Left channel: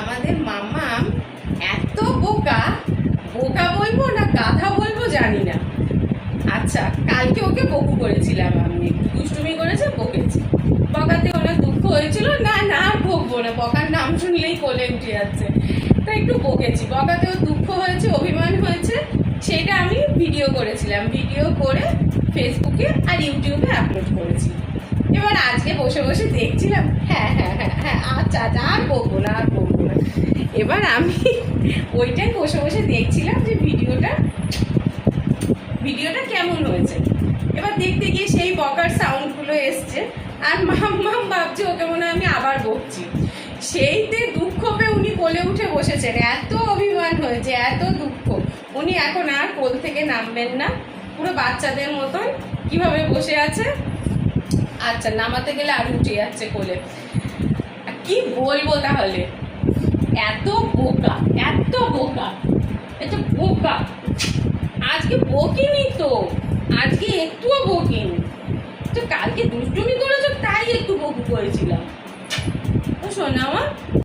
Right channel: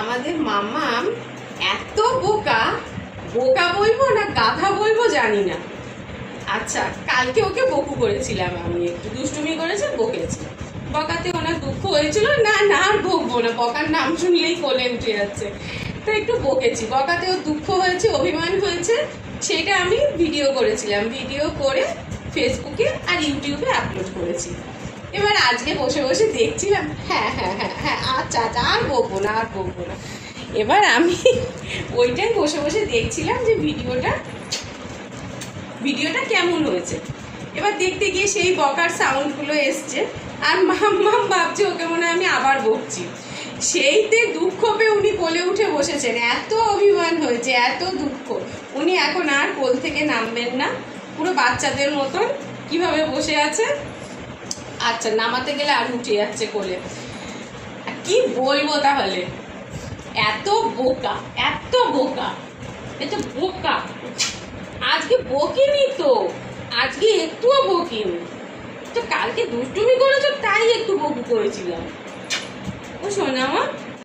আমাদের মাম্মাম এত বোকা, বোকা বলবো না গাধা বলবো জানি না। আচ্ছা, কালকে ওকে বকু করেছিলাম, আমি একটু দুষ্টুমি করেছে, বকেছি। বকাতে অনেক দুঃখ হয়েছিল, না না আর বকবো না, বকার নাম শুনলেই কোলে উঠে যাচ্ছে, তো একটু বকেছি। বকাতে ওর দুঃখ হয়েছে, অভিমান হয়েছে, সেটা আমি ভিডিও করেছিলাম, ভিডিও করে ফেসবুকে আর ইউটিউবে আপলোড করেছি। এবার আজকে বসে বসে দেখছিলাম, হ্যাঁ হ্যাঁ হ্যাঁ হ্যাঁ আচ্ছা আচ্ছা আর বকবো না আর বকবো না। এবার আমি ওইটাই বসে বসে দেখছিলাম যে ভিডিওটা কেমন হয়েছে। এবার দেখতে গিয়ে সেই বকার সাউন্ডগুলো এসছে, আর মাম্মাম ভাবছে ওকে মনে হয় আমি আবার বকছি। সেইতে দুঃখ পেয়ে উনি কোলে উঠে বসেছেন, এত অভিমান হয়েছে, এত দুঃখ। উনি এখন আর কোল থেকে নামবেন না, পুরো বাচ্চাদের মতন কিভাবে বসে আছে। আচ্ছা, নামাতে গেলে আর উঠে যাচ্ছে কোলে। কি বলবো তাহলে, এত বোকা, এত বোকা, এটা বোকা। আজকে বকিনি তো, আজকে একটুও বকিনি তো, কালকে দুষ্টুমি করেছো তাই একটু বকু করেছিলাম। ও শোনা আমার